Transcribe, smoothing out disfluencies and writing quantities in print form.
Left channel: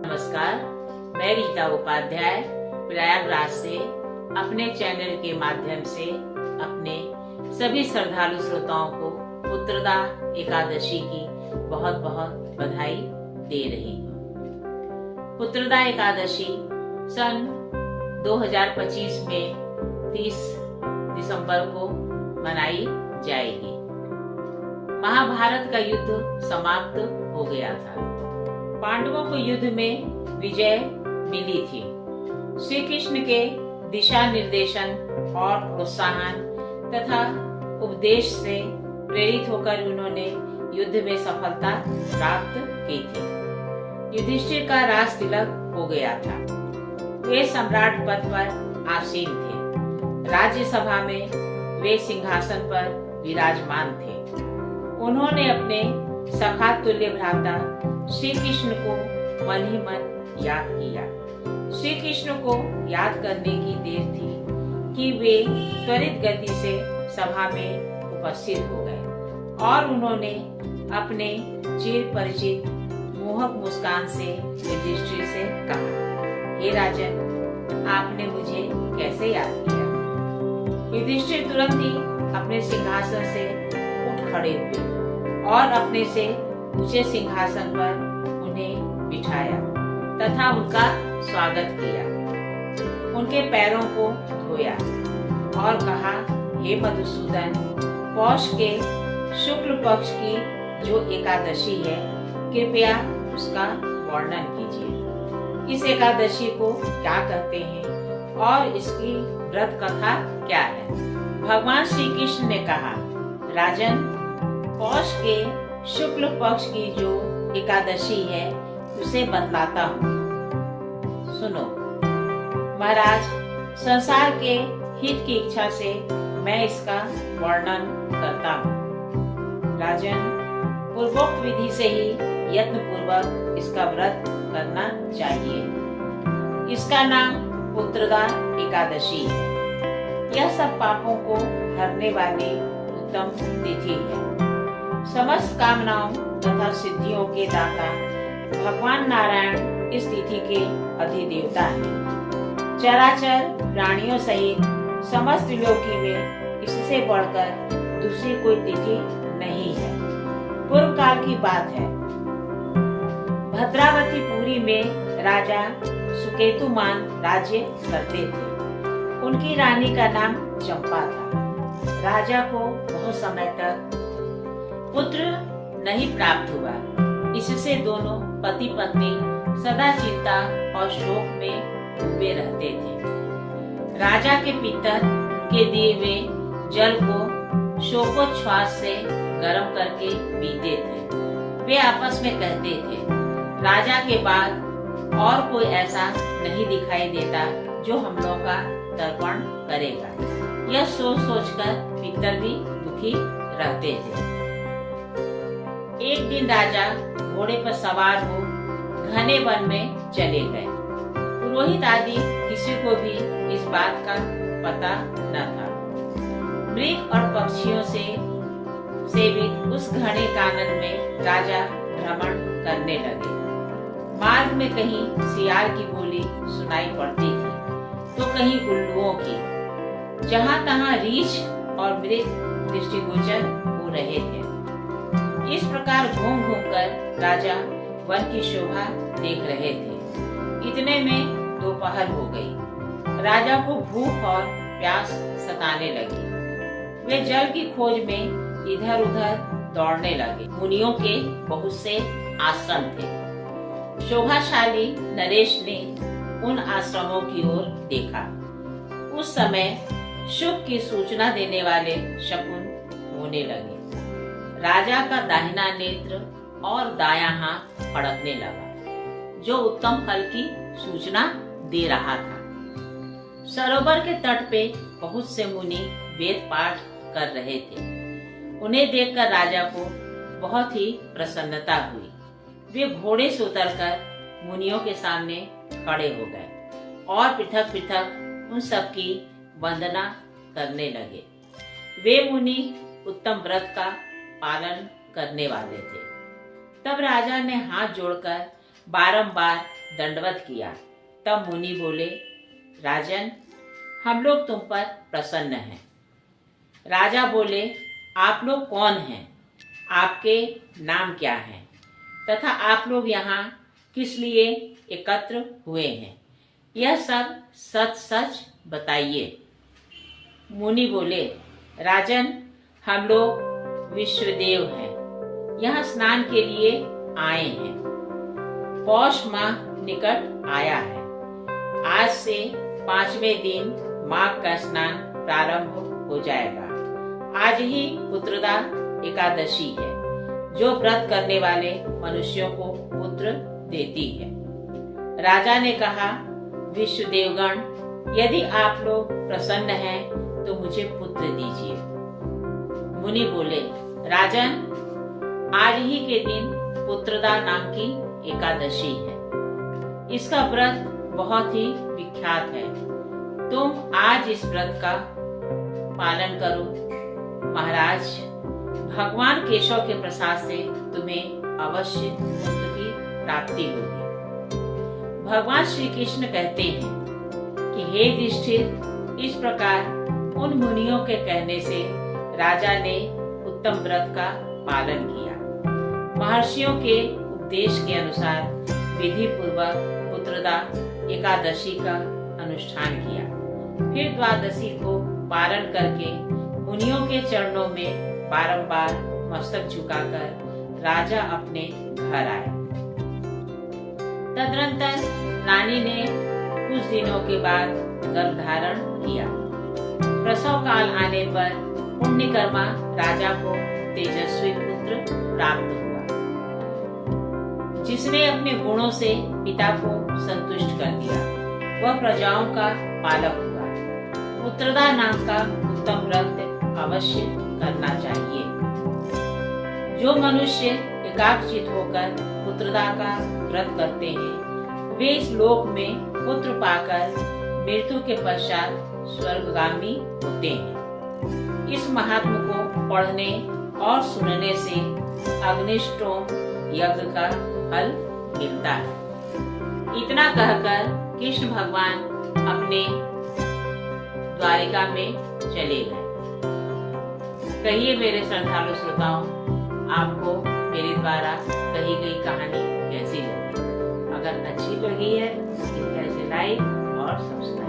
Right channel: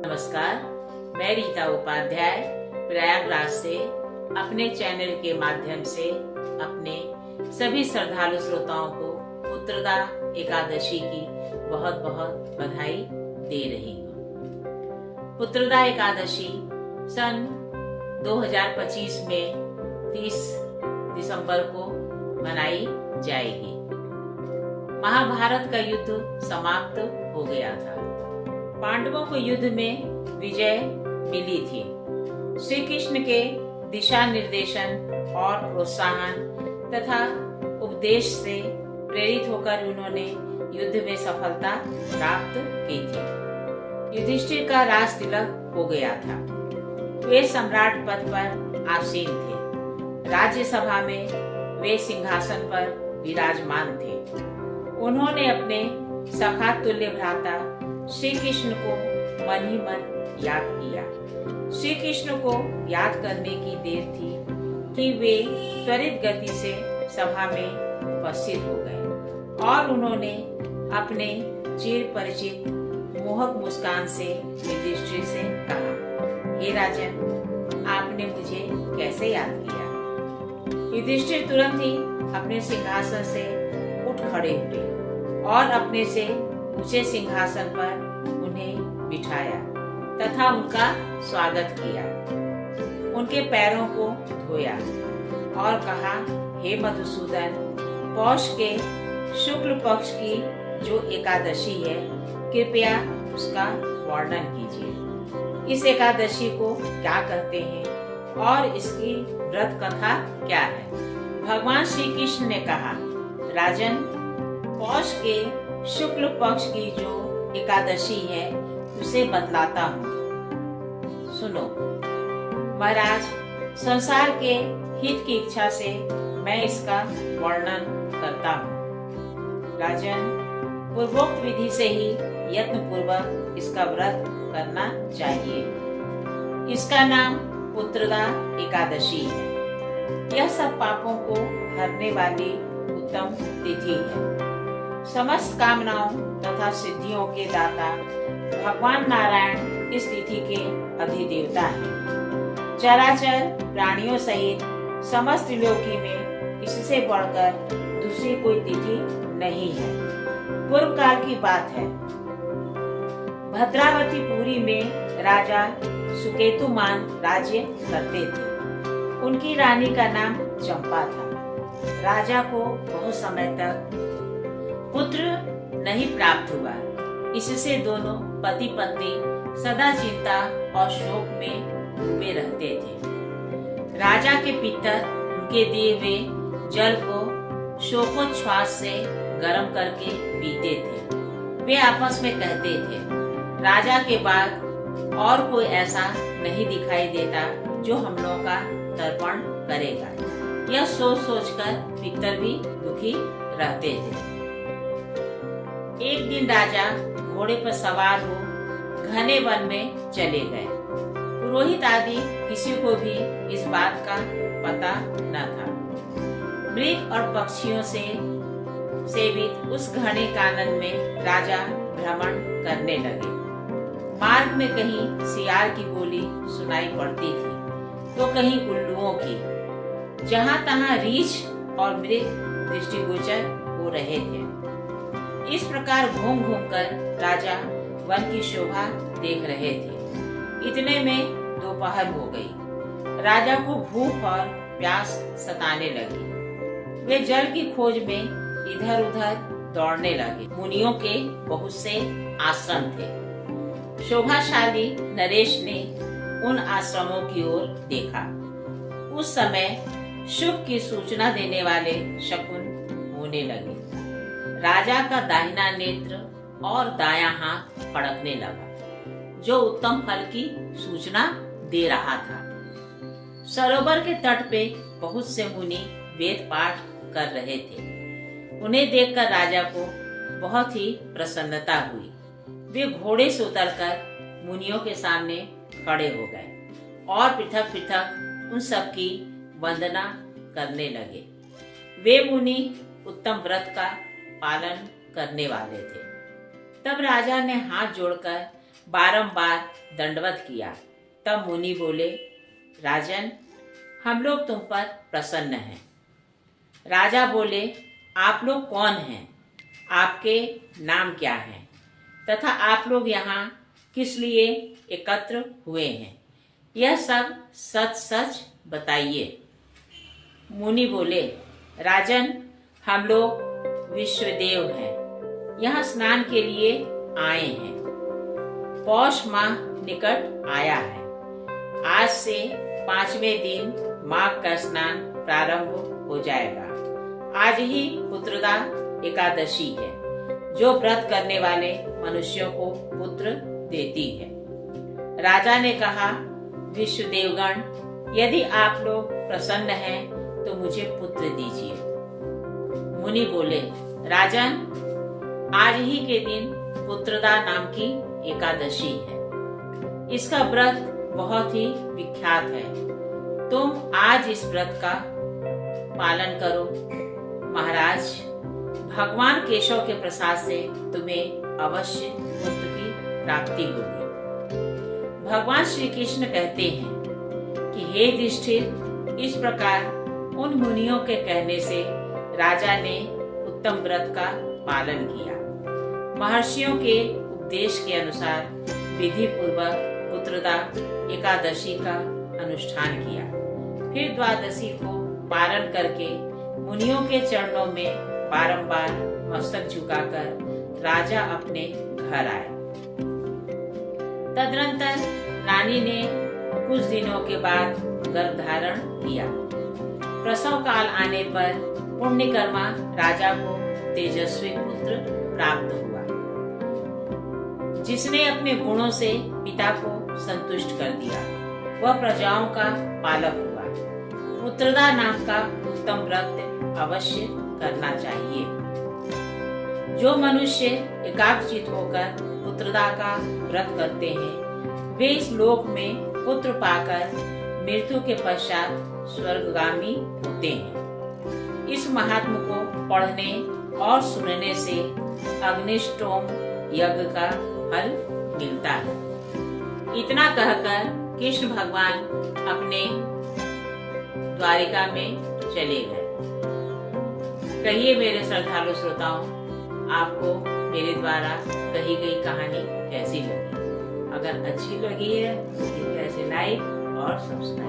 नमस्कार, मैं रीता उपाध्याय प्रयागराज से अपने चैनल के माध्यम से अपने सभी श्रद्धालु श्रोताओं को पुत्रदा एकादशी की बहुत बहुत बधाई दे रही हूँ। पुत्रदा एकादशी सन 2025 में 30 दिसंबर को मनाई जाएगी। महाभारत का युद्ध समाप्त हो गया था। पांडवों को युद्ध में विजय मिली थी। श्री कृष्ण के दिशा निर्देशन और प्रोत्साहन तथा उपदेश से प्रेरित होकर उन्होंने युद्ध में सफलता प्राप्त की थी। युधिष्ठिर का राज तिलक हो गया था। वे सम्राट पद पर आसीन थे। राज्यसभा में वे सिंहासन पर विराजमान थे। उन्होंने अपने सखा तुल्य भ्राता श्री कृष्ण को मन ही मन याद किया। श्री कृष्ण को याद करने की देर थी कि वे त्वरित गति से सभा में उपस्थित हो गए और उन्होंने अपने चिर परिचित मोहक मुस्कान से युधिष्ठिर से कहा, हे राजन, आपने मुझे कैसे याद किया? युधिष्ठिर तुरंत ही अपने सिंहासन से उठ खड़े हुए और अपने से ऊंचे सिंहासन पर उन्हें बिठाया तथा उनका स्वागत किया। उनके पैरों को धोया और कहा, हे मधुसूदन, पौष के शुक्ल पक्ष की जो एकादशी है, कृपया उसका वर्णन कीजिए। इस एकादशी को क्या कहते हैं और इसकी व्रत कथा क्या है? भगवान श्री कृष्ण ने कहा, राजन, पौष के शुक्ल पक्ष की जो एकादशी है उसे बतलाता हूँ, सुनो। महाराज, संसार के हित की इच्छा से मैं इसका वर्णन करता हूँ। राजन, पूर्वोक्त विधि से ही यत्न पूर्वक इसका व्रत करना चाहिए। इसका नाम पुत्रदा एकादशी है। यह सब पापों को हरने वाली उत्तम तिथि है। समस्त कामनाओं तथा सिद्धियों के दाता भगवान नारायण इस तिथि के अधिदेवता हैं। चराचर प्राणियों सहित समस्त लोकी में इससे बढ़कर दूसरी कोई तिथि नहीं है। पूर्व काल की बात है। भद्रावती पुरी में राजा सुकेतुमान राज्य करते थे। उनकी रानी का नाम चंपा था। राजा को बहुत समय तक पुत्र नहीं प्राप्त हुआ। इससे दोनों पति पत्नी सदा चिंता और शोक में डूबे रहते थे। राजा के पितर उनके दिए हुए जल को शोकोच्छ्वास से गर्म करके पीते थे। वे आपस में कहते थे, राजा के बाद और कोई ऐसा नहीं दिखाई देता जो हम लोगों का तर्पण करेगा। यह सोच सोचकर पितर भी दुखी रहते थे। एक दिन राजा घोड़े पर सवार हो घने वन में चले गए। पुरोहित आदि किसी को भी इस बात का पता न था। मृग और पक्षियों से सेवित उस घने कानन में राजा भ्रमण करने लगे। मार्ग में कहीं सियार की बोली सुनाई पड़ती थी तो कहीं उल्लुओं की। जहाँ तहाँ रीछ और मृग दृष्टिगोचर हो रहे थे। इस प्रकार घूम घूम कर राजा वन की शोभा देख रहे थे। इतने में दोपहर हो गई। राजा को भूख और प्यास सताने लगी। वे जल की खोज में इधर उधर दौड़ने लगे। मुनियों के बहुत से आश्रम थे। शोभाशाली नरेश ने उन आश्रमों की ओर देखा। उस समय शुभ की सूचना देने वाले शकुन होने लगे। राजा का दाहिना नेत्र और दायां हाथ फड़कने लगा, जो उत्तम फल की सूचना दे रहा था। सरोवर के तट पे बहुत से मुनि वेद पाठ कर रहे थे। उन्हें देखकर राजा को बहुत ही प्रसन्नता हुई। वे घोड़े से उतरकर मुनियों के सामने खड़े हो गए और पृथक पृथक उन सब की वंदना करने लगे। वे मुनि उत्तम व्रत का पालन करने वाले थे। तब राजा ने हाथ जोड़कर बारंबार दंडवत किया। तब मुनि बोले, राजन, हम लोग तुम पर प्रसन्न हैं। राजा बोले, आप लोग कौन हैं? आपके नाम क्या हैं? तथा आप लोग यहाँ किस लिए एकत्र हुए हैं? यह सब सच सच बताइए। मुनि बोले, राजन, हम लोग विश्वदेव हैं, यहाँ स्नान के लिए आए हैं। पौष माह निकट आया है। आज से 5वें दिन माघ का स्नान प्रारंभ हो जाएगा। आज ही पुत्रदा एकादशी है, जो व्रत करने वाले मनुष्यों को पुत्र देती है। राजा ने कहा, विश्वदेवगण, यदि आप लोग प्रसन्न हैं तो मुझे पुत्र दीजिए। मुनि बोले, राजन, आज ही के दिन पुत्रदा नाम की एकादशी है। इसका व्रत बहुत ही विख्यात है। तुम आज इस व्रत का पालन करो। महाराज, भगवान केशव के प्रसाद से तुम्हें अवश्य पुत्र की प्राप्ति होगी। भगवान श्री कृष्ण कहते हैं कि हे युधिष्ठिर, इस प्रकार उन मुनियों के कहने से राजा ने उत्तम व्रत का पालन किया। महर्षियों के उपदेश के अनुसार विधि पूर्वक पुत्रदा एकादशी का अनुष्ठान किया। फिर द्वादशी को पारण करके मुनियों के चरणों में बारंबार मस्तक झुकाकर राजा अपने घर आए। तदनंतर रानी ने कुछ दिनों के बाद गर्भधारण किया। प्रसव काल आने पर पुण्यकर्मा राजा को तेजस्वी पुत्र प्राप्त हुआ, जिसने अपने गुणों से पिता को संतुष्ट कर दिया। वह प्रजाओं का पालक हुआ। पुत्रदा नाम का उत्तम व्रत अवश्य करना चाहिए। जो मनुष्य एकाग्रचित होकर पुत्रदा का व्रत करते हैं, वे इस लोक में पुत्र पाकर मृत्यु के पश्चात स्वर्गगामी होते हैं। इस महात्म को पढ़ने और सुनने से अग्निष्टोम यज्ञ का फल मिलता है। इतना कहकर कृष्ण भगवान अपने द्वारिका में चले गए। कहिए मेरे श्रद्धालु श्रोताओं, आपको मेरे द्वारा कही गई कहानी कैसी लगी? अगर अच्छी लगी है तो कृपया इसे लाइक और सब्सक्राइब